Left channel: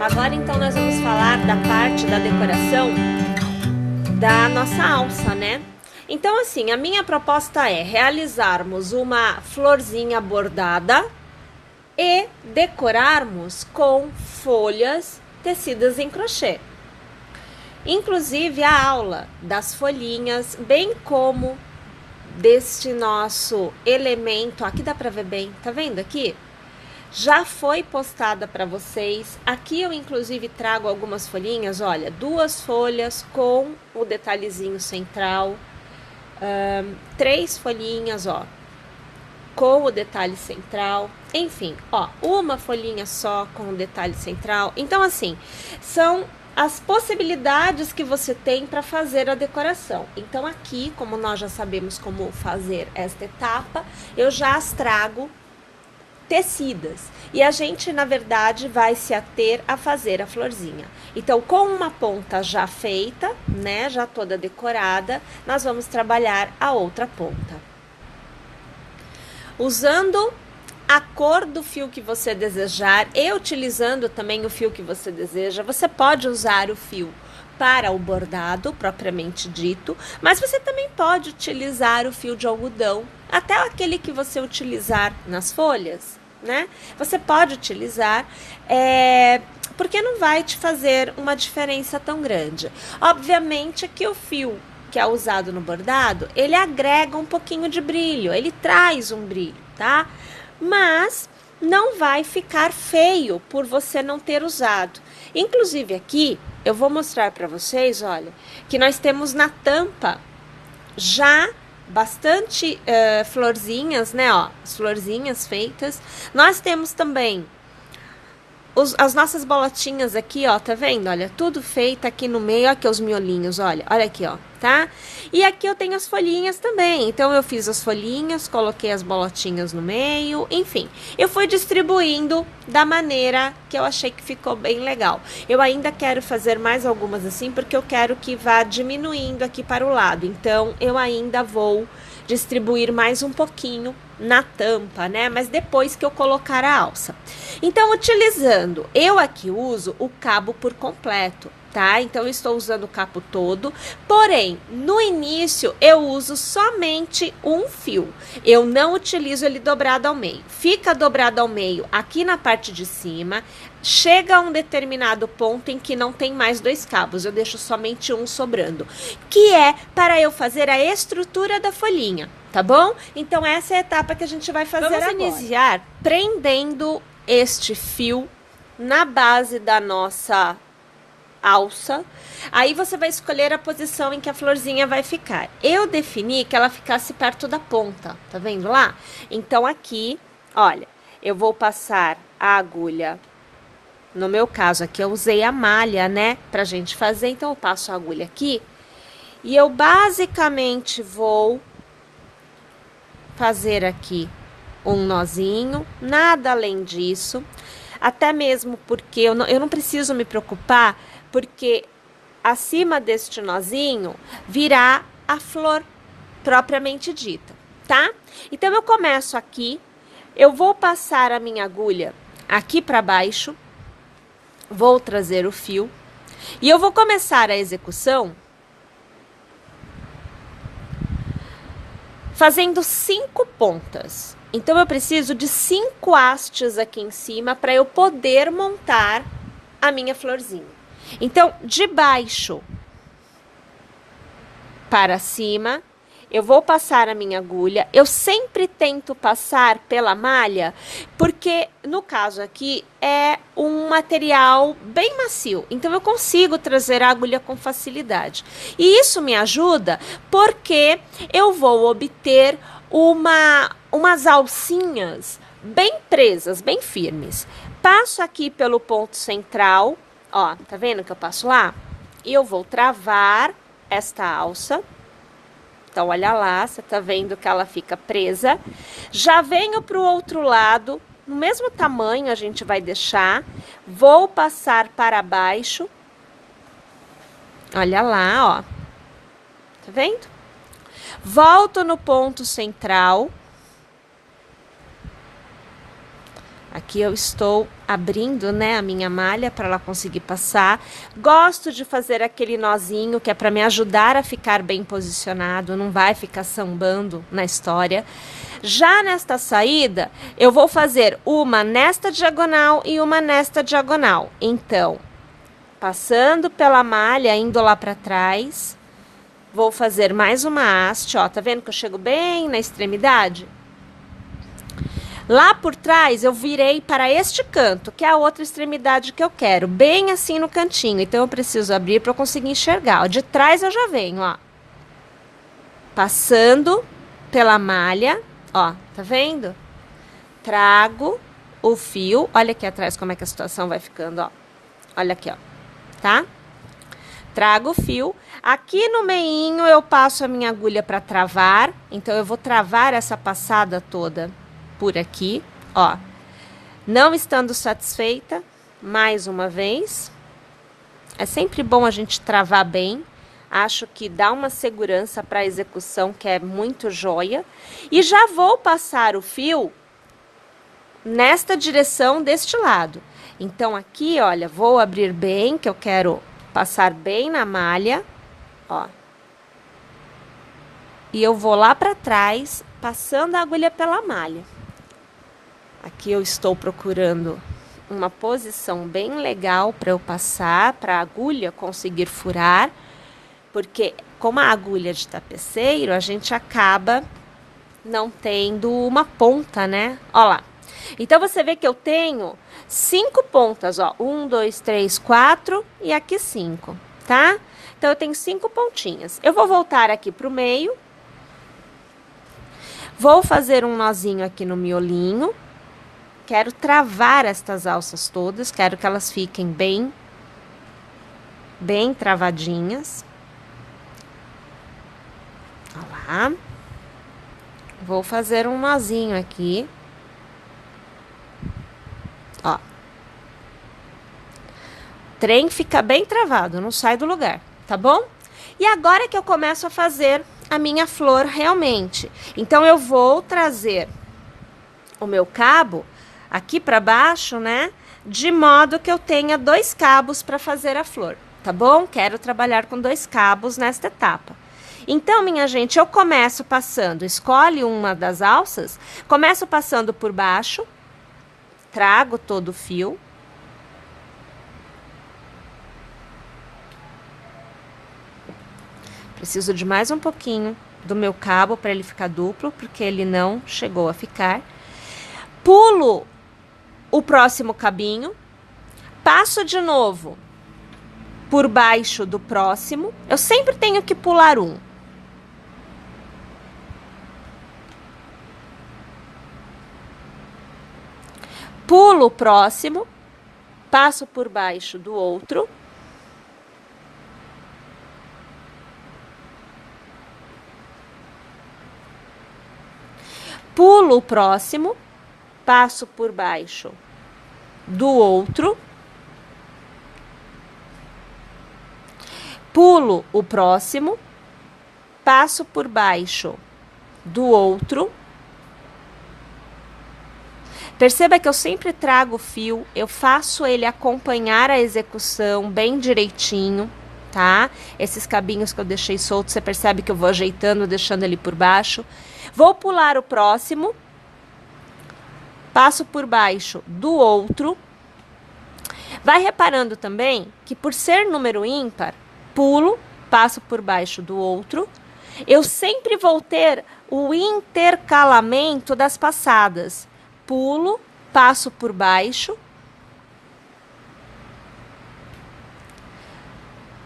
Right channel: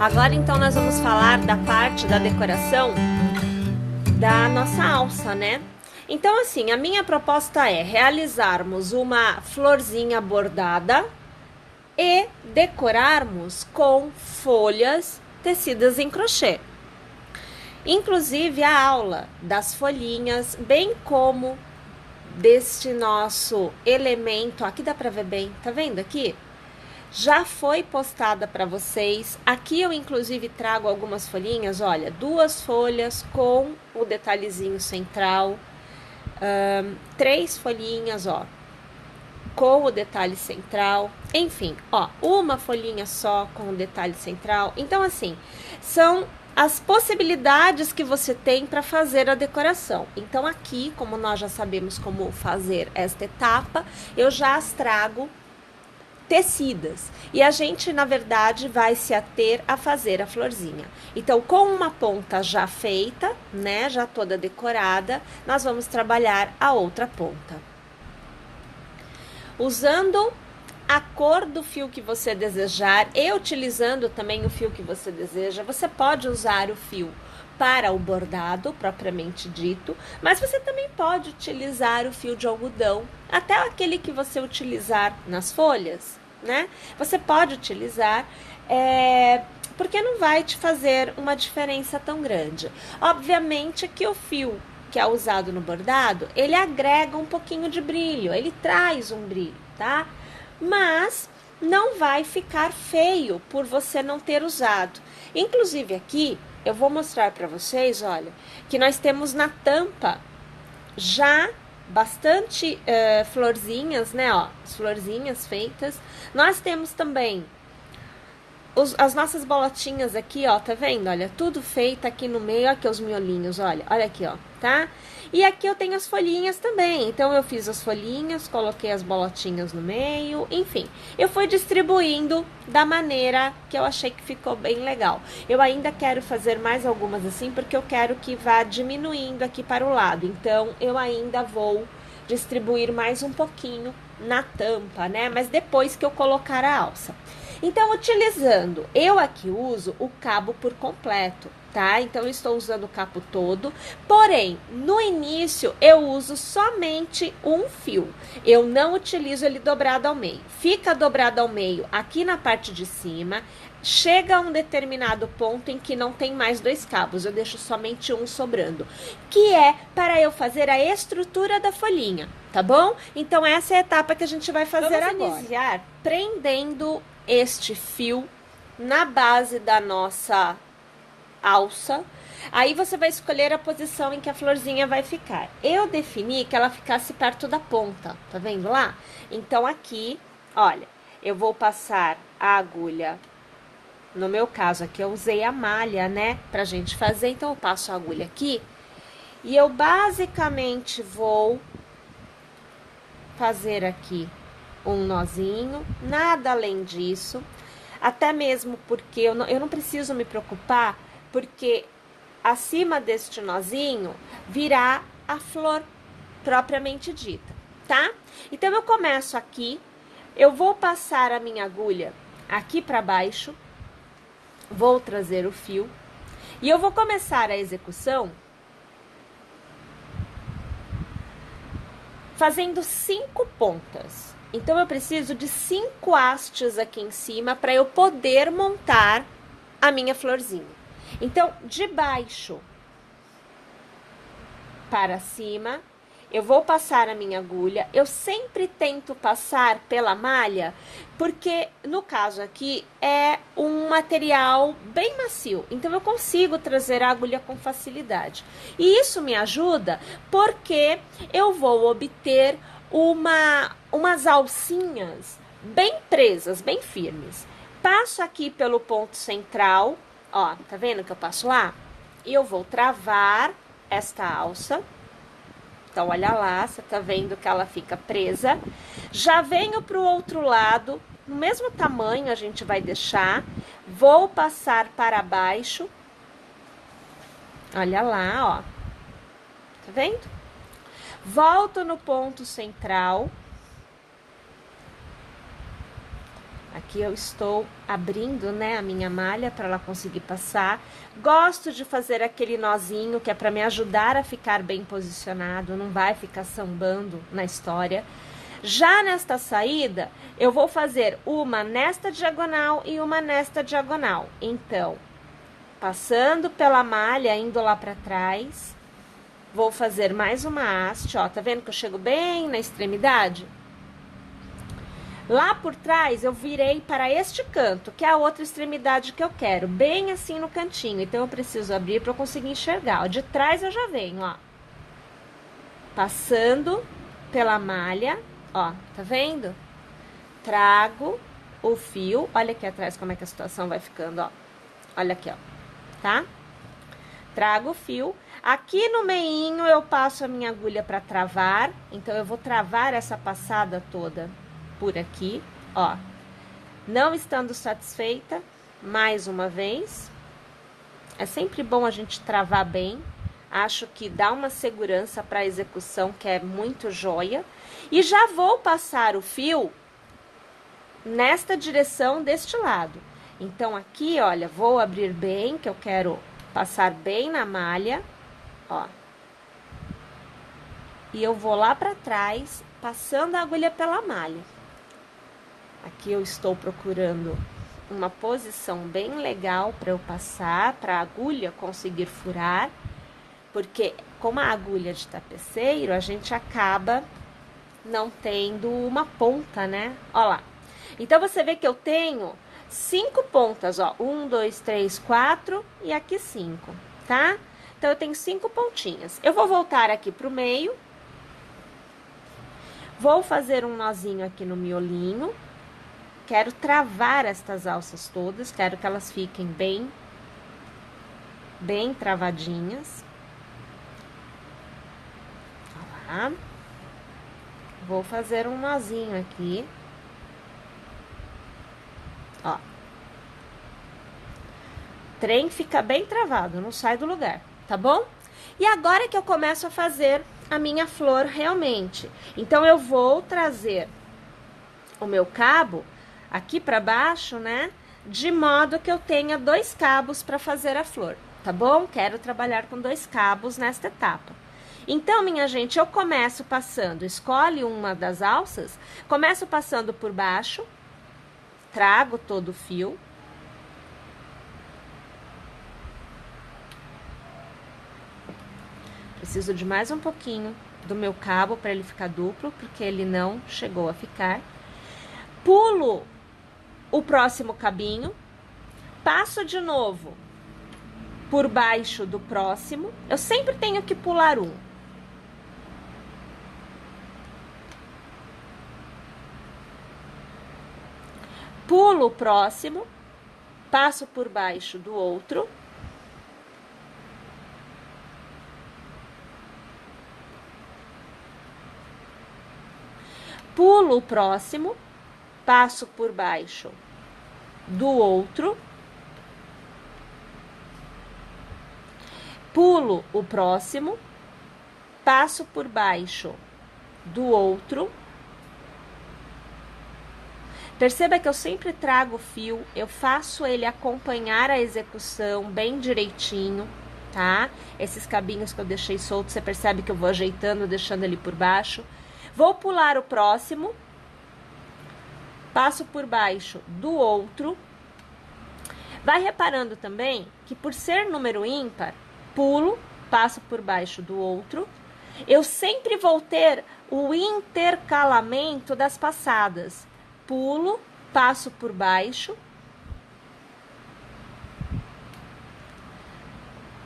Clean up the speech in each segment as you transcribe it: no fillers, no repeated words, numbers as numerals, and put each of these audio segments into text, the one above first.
Agora então nós vamos falar da parte da decoração da nossa alça, né? Então assim, a minha proposta é realizarmos uma florzinha bordada e decorarmos com folhas tecidas em crochê. Inclusive a aula das folhinhas, bem como deste nosso elemento, aqui dá pra ver bem, tá vendo aqui? Já foi postada para vocês. Aqui eu inclusive trago algumas folhinhas, olha, 2 folhas com o detalhezinho central, 3 folhinhas, ó, com o detalhe central, enfim, ó, uma folhinha só com o detalhe central. Então assim, são as possibilidades que você tem para fazer a decoração. Então aqui, como nós já sabemos como fazer esta etapa, eu já as trago tecidas. E a gente, na verdade, vai se ater a fazer a florzinha. Então, com uma ponta já feita, né, já toda decorada, nós vamos trabalhar a outra ponta. Usando a cor do fio que você desejar e utilizando também o fio que você deseja, você pode usar o fio para o bordado, propriamente dito, mas você também pode utilizar o fio de algodão, até aquele que você utilizar nas folhas, né? Você pode utilizar, porque não vai te fazer uma diferença tão grande. Obviamente que o fio que é usado no bordado, ele agrega um pouquinho de brilho, ele traz um brilho, tá? Mas não vai ficar feio por você não ter usado. Inclusive aqui, eu vou mostrar para vocês, olha, que nós temos na tampa já bastante florzinhas, né, ó, as florzinhas feitas. Nós temos também as nossas bolotinhas aqui, ó, tá vendo? Olha, tudo feito aqui no meio, aqui os miolinhos, olha aqui, ó, tá? E aqui eu tenho as folhinhas também, então eu fiz as folhinhas, coloquei as bolotinhas no meio, enfim. Eu fui distribuindo da maneira que eu achei que ficou bem legal. Eu ainda quero fazer mais algumas assim, porque eu quero que vá diminuindo aqui para o lado, então eu ainda vou distribuir mais um pouquinho na tampa, né? Mas depois que eu colocar a alça. Então, utilizando, eu aqui uso o cabo por completo, tá? Então, eu estou usando o cabo todo, porém, no início, eu uso somente um fio. Eu não utilizo ele dobrado ao meio. Fica dobrado ao meio aqui na parte de cima, chega a um determinado ponto em que não tem mais 2 cabos, eu deixo somente um sobrando, que é para eu fazer a estrutura da folhinha, tá bom? Então, essa é a etapa que a gente vai fazer agora. Vamos iniciar prendendo este fio na base da nossa alça. Aí você vai escolher a posição em que a florzinha vai ficar. Eu defini que ela ficasse perto da ponta, tá vendo lá? Então, aqui, olha, eu vou passar a agulha. No meu caso aqui, eu usei a malha, né, pra gente fazer. Então, eu passo a agulha aqui e eu basicamente vou fazer aqui um nozinho, nada além disso. Até mesmo porque eu não preciso me preocupar, porque acima deste nozinho virá a flor propriamente dita, tá? Então, eu começo aqui, eu vou passar a minha agulha aqui para baixo, vou trazer o fio e eu vou começar a execução fazendo 5 pontas. Então, eu preciso de 5 hastes aqui em cima para eu poder montar a minha florzinha. Então, de baixo para cima, eu vou passar a minha agulha. Eu sempre tento passar pela malha, porque no caso aqui é um material bem macio, então eu consigo trazer a agulha com facilidade. E isso me ajuda porque eu vou obter umas alcinhas bem presas, bem firmes. Passo aqui pelo ponto central, ó, tá vendo que eu passo lá? E eu vou travar esta alça. Então, olha lá, você tá vendo que ela fica presa. Já venho pro outro lado, no mesmo tamanho a gente vai deixar. Vou passar para baixo. Olha lá, ó. Tá vendo? Volto no ponto central. Aqui eu estou abrindo, né, a minha malha para ela conseguir passar. Gosto de fazer aquele nozinho que é para me ajudar a ficar bem posicionado, não vai ficar sambando na história. Já nesta saída, eu vou fazer uma nesta diagonal e uma nesta diagonal. Então, passando pela malha, indo lá para trás, vou fazer mais uma haste, ó, tá vendo que eu chego bem na extremidade? Lá por trás, eu virei para este canto, que é a outra extremidade que eu quero, bem assim no cantinho. Então, eu preciso abrir para eu conseguir enxergar. Ó, de trás eu já venho, ó. Passando pela malha, ó, tá vendo? Trago o fio, olha aqui atrás como é que a situação vai ficando, ó. Olha aqui, ó, tá? Trago o fio. Aqui no meinho eu passo a minha agulha para travar, então eu vou travar essa passada toda por aqui, ó. Não estando satisfeita, mais uma vez. É sempre bom a gente travar bem. Acho que dá uma segurança para a execução que é muito joia. E já vou passar o fio nesta direção deste lado. Então, aqui, olha, vou abrir bem, que eu quero passar bem na malha, ó. E eu vou lá para trás, passando a agulha pela malha. Aqui eu estou procurando uma posição bem legal para eu passar, para a agulha conseguir furar, porque como a agulha de tapeceiro, a gente acaba não tendo uma ponta, né? Ó lá. Então, você vê que eu tenho 5 pontas, ó. 1, 2, 3, 4 e aqui 5, tá? Então, eu tenho 5 pontinhas. Eu vou voltar aqui pro meio. Vou fazer um nozinho aqui no miolinho. Quero travar estas alças todas, quero que elas fiquem bem travadinhas. Olha lá. Vou fazer um nozinho aqui. Ó. O trem fica bem travado, não sai do lugar, tá bom? E agora que eu começo a fazer a minha flor realmente. Então, eu vou trazer o meu cabo aqui para baixo, né? De modo que eu tenha 2 cabos para fazer a flor, tá bom? Quero trabalhar com 2 cabos nesta etapa. Então, minha gente, eu começo passando, escolhe uma das alças, começo passando por baixo, trago todo o fio. Preciso de mais um pouquinho do meu cabo para ele ficar duplo, porque ele não chegou a ficar. Pulo o próximo cabinho, passo de novo por baixo do próximo. Eu sempre tenho que pular um. Pulo o próximo, passo por baixo do outro. Pulo o próximo, passo por baixo do outro. Pulo o próximo, passo por baixo do outro. Perceba que eu sempre trago o fio, eu faço ele acompanhar a execução bem direitinho, tá? Esses cabinhos que eu deixei soltos, você percebe que eu vou ajeitando, deixando ele por baixo. Vou pular o próximo, passo por baixo do outro. Vai reparando também que por ser número ímpar, pulo, passo por baixo do outro. Eu sempre vou ter o intercalamento das passadas. Pulo, passo por baixo.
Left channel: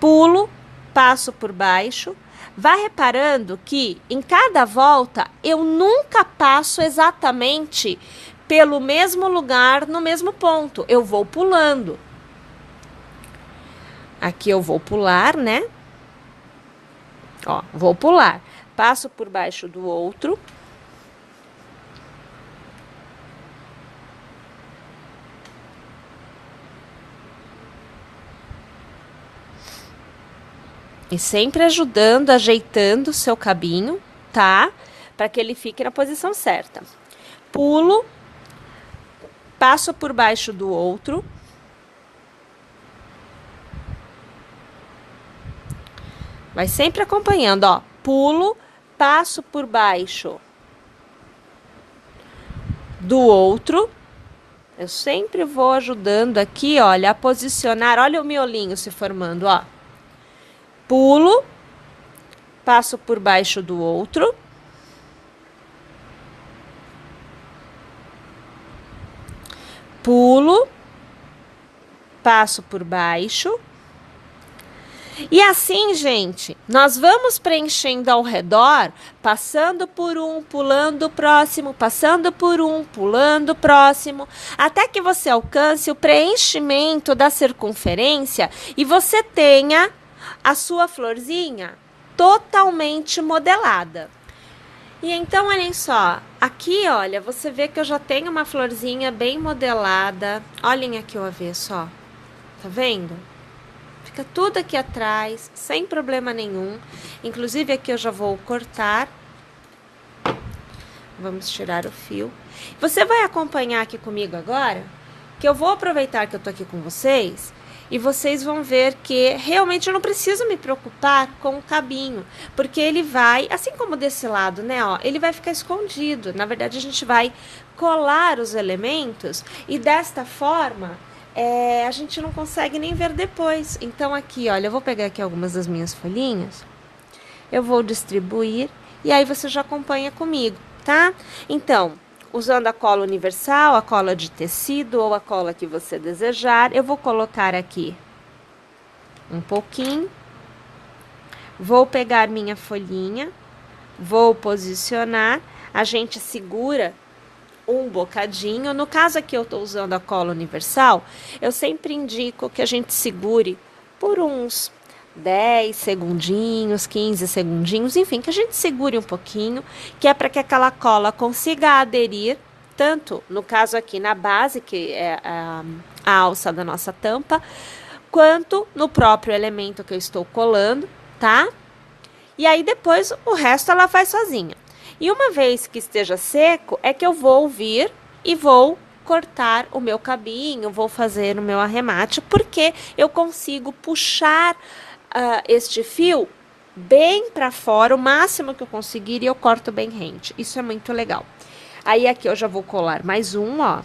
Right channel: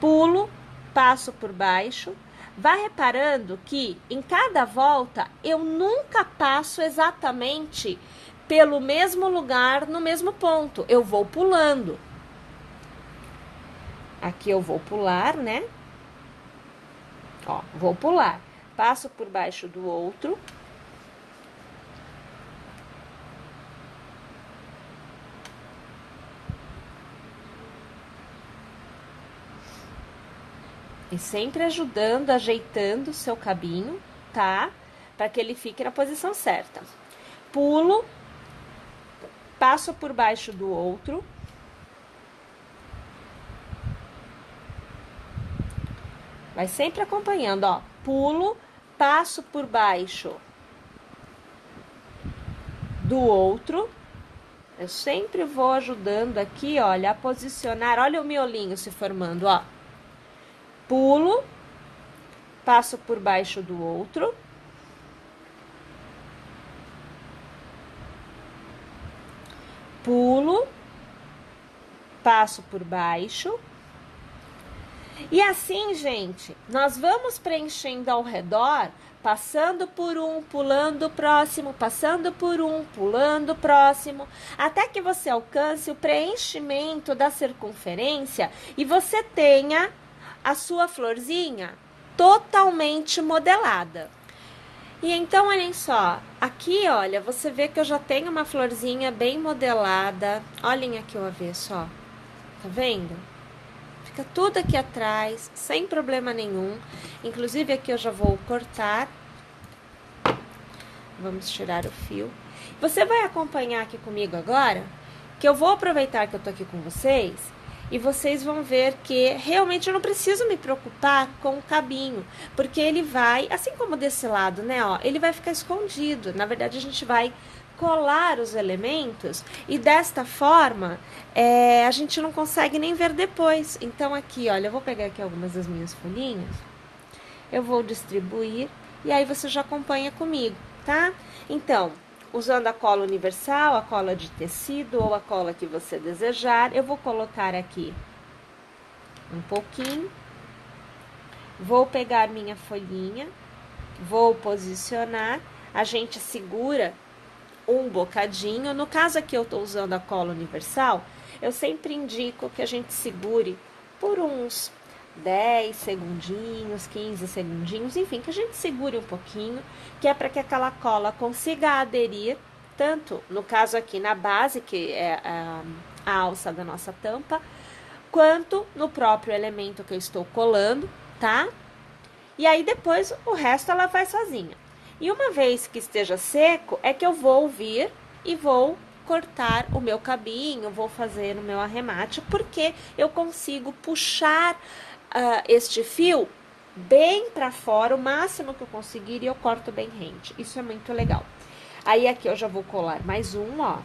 Pulo, passo por baixo. Vai reparando que em cada volta eu nunca passo exatamente pelo mesmo lugar, no mesmo ponto. Eu vou pulando. Aqui eu vou pular, né? Ó, vou pular. Passo por baixo do outro. E sempre ajudando, ajeitando o seu cabinho, tá? Para que ele fique na posição certa. Pulo, passo por baixo do outro. Vai sempre acompanhando, ó. Pulo, passo por baixo do outro. Eu sempre vou ajudando aqui, olha, a posicionar. Olha o miolinho se formando, ó. Pulo, passo por baixo do outro. Pulo, passo por baixo. E assim, gente, nós vamos preenchendo ao redor, passando por um, pulando o próximo, passando por um, pulando o próximo, até que você alcance o preenchimento da circunferência e você tenha a sua florzinha totalmente modelada. E então, olhem só, aqui, olha, você vê que eu já tenho uma florzinha bem modelada. Olhem aqui o avesso, ó. Tá vendo? Fica tudo aqui atrás, sem problema nenhum. Inclusive, aqui eu já vou cortar. Vamos tirar o fio. Você vai acompanhar aqui comigo agora, que eu vou aproveitar que eu tô aqui com vocês, e vocês vão ver que realmente eu não preciso me preocupar com o cabinho, porque ele vai, assim como desse lado, né, ó, ele vai ficar escondido. Na verdade, a gente vai colar os elementos e desta forma a gente não consegue nem ver depois. Então, aqui, olha, eu vou pegar aqui algumas das minhas folhinhas, eu vou distribuir e aí você já acompanha comigo, tá? Então, usando a cola universal, a cola de tecido ou a cola que você desejar, eu vou colocar aqui um pouquinho, vou pegar minha folhinha, vou posicionar, a gente segura um bocadinho. No caso aqui eu tô usando a cola universal, eu sempre indico que a gente segure por uns 10 segundinhos, 15 segundinhos, enfim, que a gente segure um pouquinho, que é para que aquela cola consiga aderir, tanto no caso aqui na base, que é a alça da nossa tampa, quanto no próprio elemento que eu estou colando, tá? E aí depois o resto ela faz sozinha. E uma vez que esteja seco, é que eu vou vir e vou cortar o meu cabinho, vou fazer o meu arremate, porque eu consigo puxar este fio bem para fora, o máximo que eu conseguir, e eu corto bem rente. Isso é muito legal. Aí aqui eu já vou colar mais um, ó.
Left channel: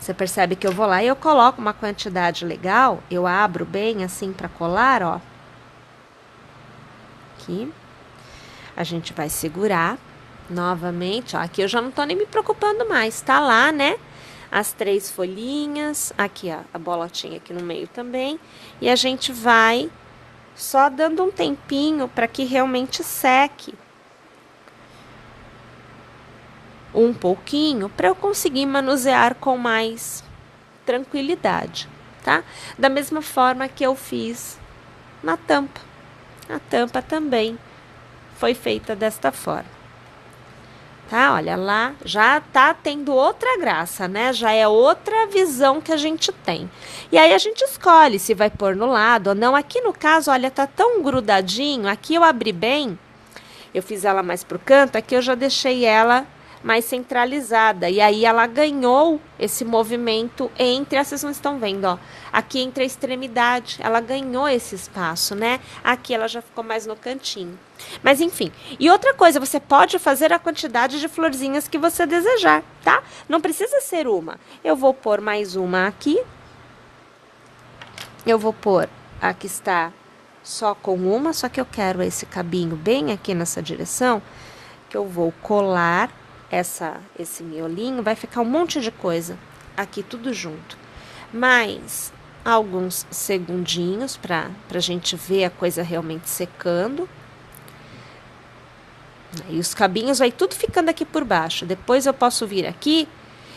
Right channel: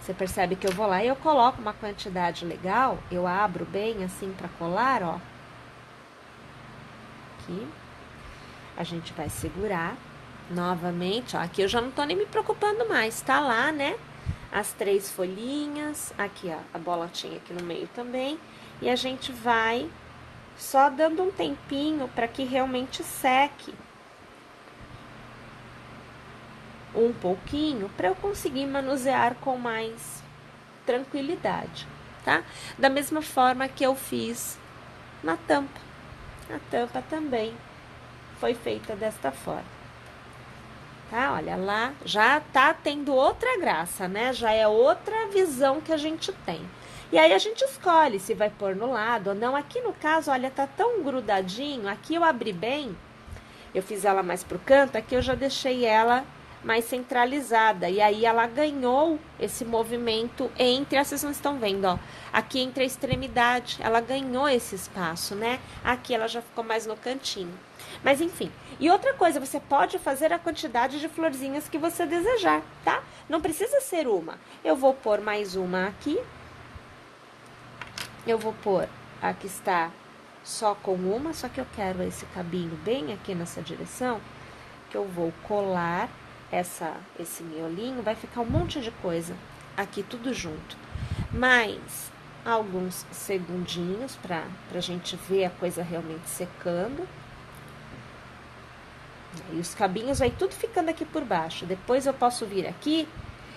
Você percebe que eu vou lá e eu coloco uma quantidade legal, eu abro bem assim para colar, ó. Aqui. A gente vai segurar novamente, ó. Aqui eu já não tô nem me preocupando mais, tá lá, né? As 3 folhinhas, aqui, ó, a bolotinha aqui no meio também. E a gente vai só dando um tempinho para que realmente seque um pouquinho, para eu conseguir manusear com mais tranquilidade, tá? Da mesma forma que eu fiz na tampa. A tampa também foi feita desta forma, tá? Olha lá, já tá tendo outra graça, né? Já é outra visão que a gente tem. E aí a gente escolhe se vai pôr no lado ou não. Aqui no caso, olha, tá tão grudadinho. Aqui eu abri bem, eu fiz ela mais pro canto, aqui eu já deixei ela mais centralizada. E aí ela ganhou esse movimento entre, vocês não estão vendo, ó. Aqui entre a extremidade, ela ganhou esse espaço, né? Aqui ela já ficou mais no cantinho. Mas enfim, e outra coisa, você pode fazer a quantidade de florzinhas que você desejar, tá? Não precisa ser uma. Eu vou pôr mais uma aqui. Eu vou pôr a que está só com uma, só que eu quero esse cabinho bem aqui nessa direção, que eu vou colar esse miolinho, vai ficar um monte de coisa aqui tudo junto. Mais alguns segundinhos pra gente ver a coisa realmente secando. E os cabinhos vai tudo ficando aqui por baixo. Depois eu posso vir aqui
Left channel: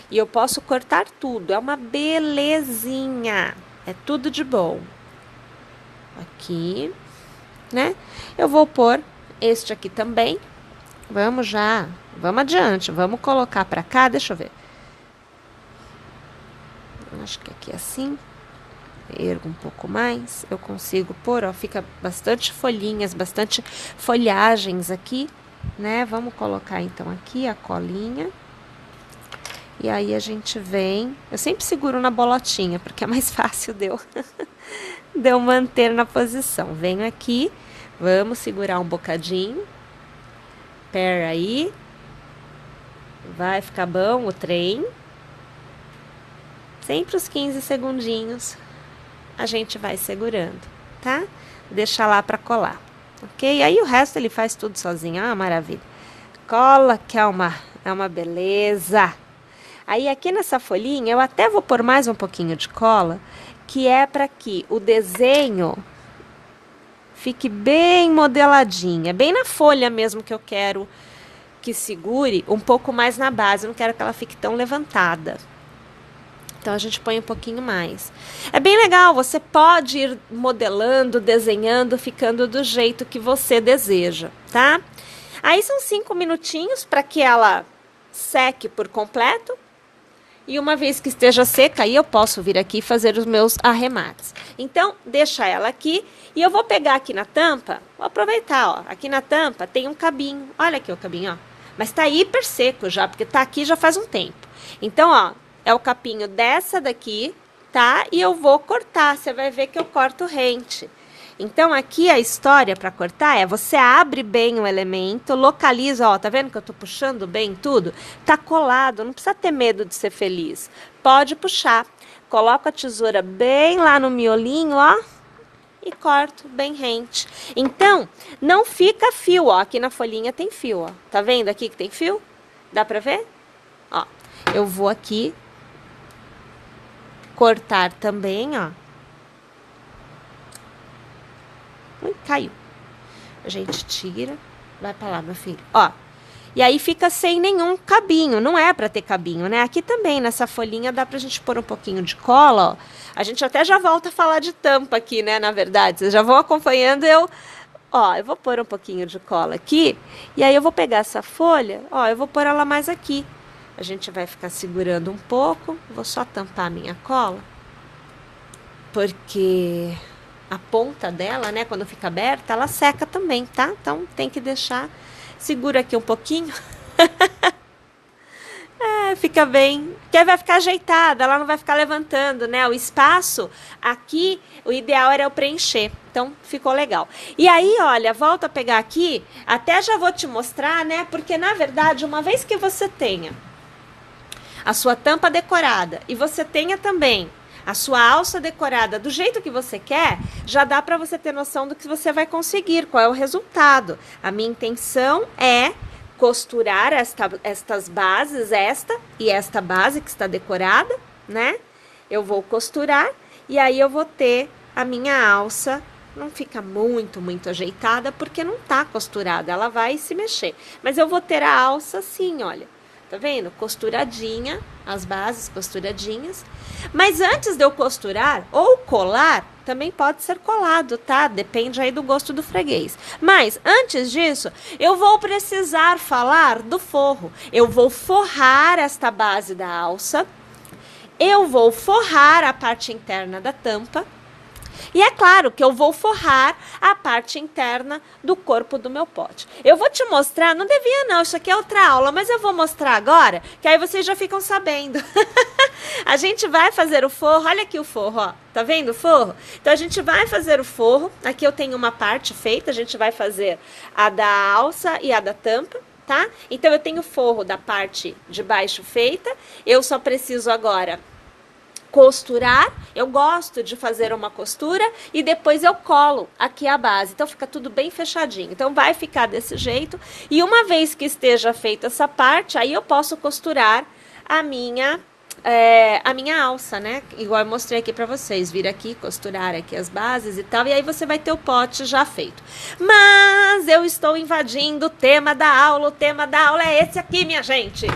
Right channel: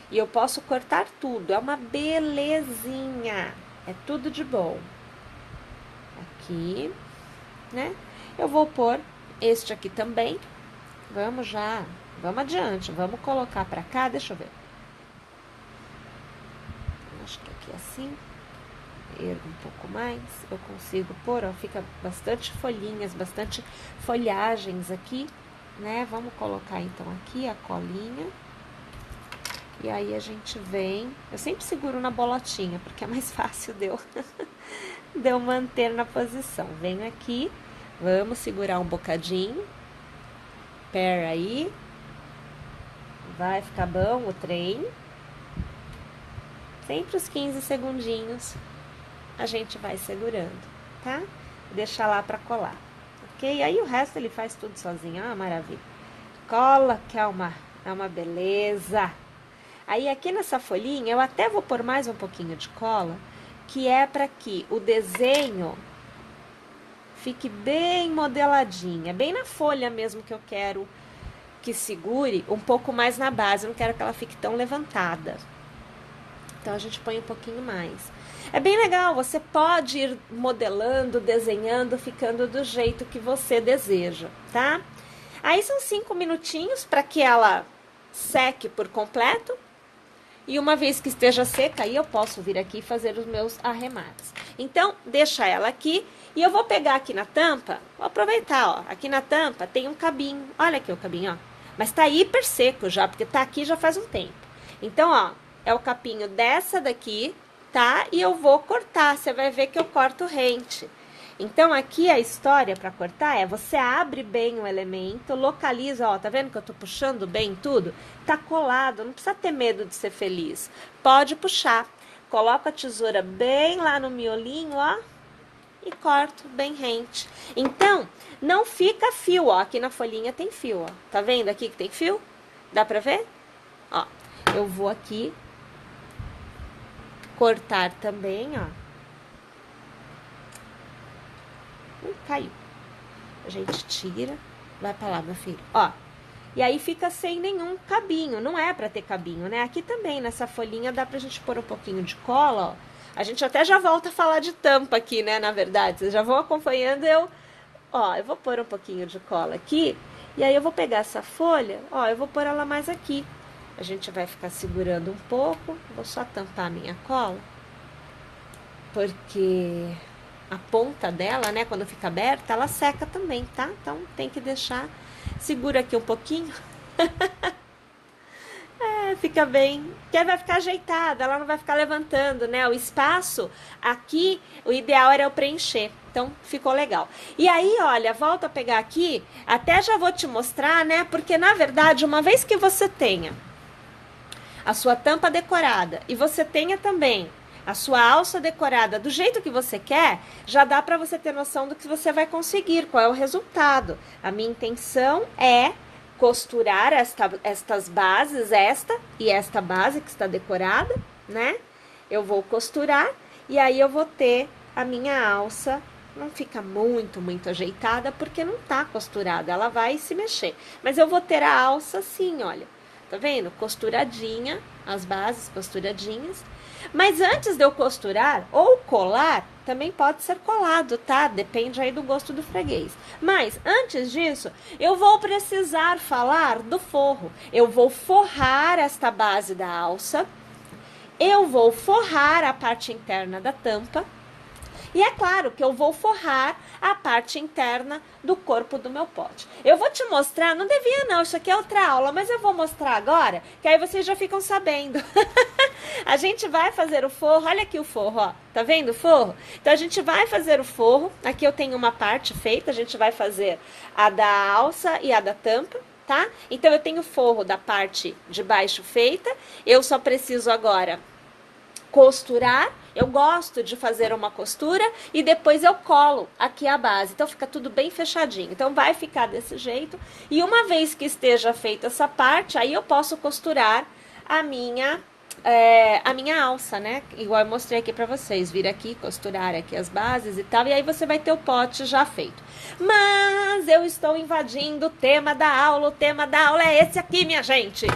e eu posso cortar tudo. É uma belezinha. É tudo de bom. Aqui, né? Eu vou pôr este aqui também. Vamos adiante. Vamos colocar pra cá, deixa eu ver. Acho que aqui assim. Ergo um pouco mais. Eu consigo pôr, ó, fica bastante folhinhas, bastante folhagens aqui, né? Vamos colocar então aqui a colinha. E aí a gente vem, eu sempre seguro na bolotinha, porque é mais fácil de eu manter na posição. Venho aqui, vamos segurar um bocadinho. Pera aí. Vai ficar bom o trem. Sempre os 15 segundinhos a gente vai segurando, tá? Deixa lá pra colar, ok? Aí o resto ele faz tudo sozinho, ah, maravilha. Cola que é uma beleza. Aí aqui nessa folhinha eu até vou pôr mais um pouquinho de cola, que é para que o desenho fique bem modeladinha, bem na folha mesmo que eu quero que segure um pouco mais na base, eu não quero que ela fique tão levantada. Então a gente põe um pouquinho mais. É bem legal, você pode ir modelando, desenhando, ficando do jeito que você deseja, tá? Aí são 5 minutinhos para que ela seque por completo. E uma vez que esteja seca, aí eu posso vir aqui e fazer os meus arremates. Então, deixa ela aqui e eu vou pegar aqui na tampa, vou aproveitar, ó. Aqui na tampa tem um cabinho, olha aqui o cabinho, ó. Mas tá hiper seco já, porque tá aqui já faz um tempo. Então, ó, é o capinho dessa daqui, tá? E eu vou cortar, você vai ver que eu corto rente. Então, aqui a história para cortar é, você abre bem o elemento, localiza, ó, tá vendo que eu tô puxando bem tudo? Tá colado, não precisa ter medo de ser feliz. Pode puxar. Coloca a tesoura bem lá no miolinho, ó, e corto bem rente. Então, não fica fio, ó, aqui na folhinha tem fio, ó. Tá vendo aqui que tem fio? Dá pra ver? Ó, eu vou aqui cortar também, ó. Caiu. A gente tira, vai pra lá, meu filho. Ó, e aí fica sem nenhum cabinho, não é pra ter cabinho, né? Aqui também, nessa folhinha, dá pra gente pôr um pouquinho de cola, ó. A gente até já volta a falar de tampa aqui, né, na verdade. Vocês já vão acompanhando, ó, eu vou pôr um pouquinho de cola aqui, e aí eu vou pegar essa folha, ó, eu vou pôr ela mais aqui. A gente vai ficar segurando um pouco, vou só tampar a minha cola, porque a ponta dela, né, quando fica aberta, ela seca também, tá? Então, tem que deixar, segura aqui um pouquinho. Fica bem, porque vai ficar ajeitada, ela não vai ficar levantando, né? O espaço aqui, o ideal era eu preencher, então ficou legal. E aí, olha, volta a pegar aqui, até já vou te mostrar, né? Porque, na verdade, uma vez que você tenha a sua tampa decorada e você tenha também a sua alça decorada do jeito que você quer, já dá para você ter noção do que você vai conseguir, qual é o resultado. A minha intenção é costurar estas bases, esta e esta base que está decorada, né? Eu vou costurar e aí eu vou ter a minha alça, não fica muito ajeitada porque não tá costurada, ela vai se mexer. Mas eu vou ter a alça assim, olha. Tá vendo? Costuradinha, as bases costuradinhas. Mas antes de eu costurar ou colar, também pode ser colado, tá? Depende aí do gosto do freguês. Mas antes disso, eu vou precisar falar do forro. Eu vou forrar esta base da alça. Eu vou forrar a parte interna da tampa. E é claro que eu vou forrar a parte interna do corpo do meu pote. Eu vou te mostrar, não devia não, isso aqui é outra aula, mas eu vou mostrar agora, que aí vocês já ficam sabendo. A gente vai fazer o forro, olha aqui o forro, ó, tá vendo o forro? Então a gente vai fazer o forro, aqui eu tenho uma parte feita, a gente vai fazer a da alça e a da tampa. Tá? Então eu tenho o forro da parte de baixo feita, eu só preciso agora costurar. Eu gosto de fazer uma costura e depois eu colo aqui a base, então fica tudo bem fechadinho. Então vai ficar desse jeito e uma vez que esteja feita essa parte, aí eu posso costurar a minha alça, né? Igual eu mostrei aqui pra vocês, vir aqui, costurar aqui as bases e tal, e aí você vai ter o pote já feito. Mas eu estou invadindo o tema da aula, o tema da aula é esse aqui, minha gente.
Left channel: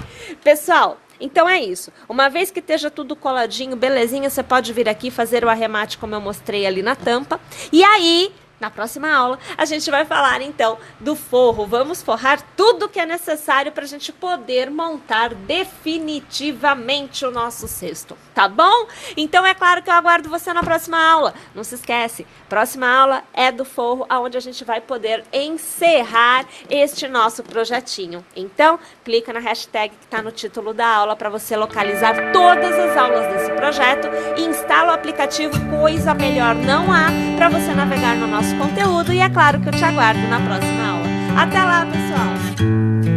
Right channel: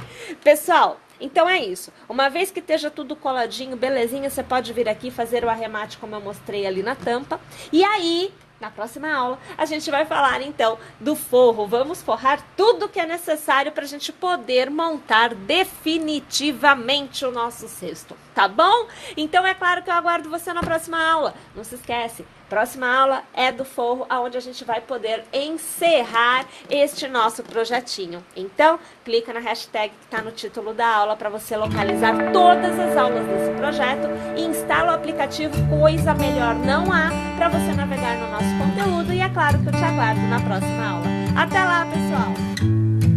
Pessoal, então é isso. Uma vez que esteja tudo coladinho, belezinha, você pode vir aqui fazer o arremate como eu mostrei ali na tampa. E aí, na próxima aula, a gente vai falar então do forro. Vamos forrar tudo que é necessário para a gente poder montar definitivamente o nosso cesto, tá bom? Então é claro que eu aguardo você na próxima aula. Não se esquece, Próxima aula é do forro, onde a gente vai poder encerrar este nosso projetinho. Então, clica na hashtag que está no título da aula para você localizar todas as aulas desse projeto e instala o aplicativo, coisa melhor não há para você navegar no nosso conteúdo. E é claro que eu te aguardo na próxima aula. Até lá, pessoal!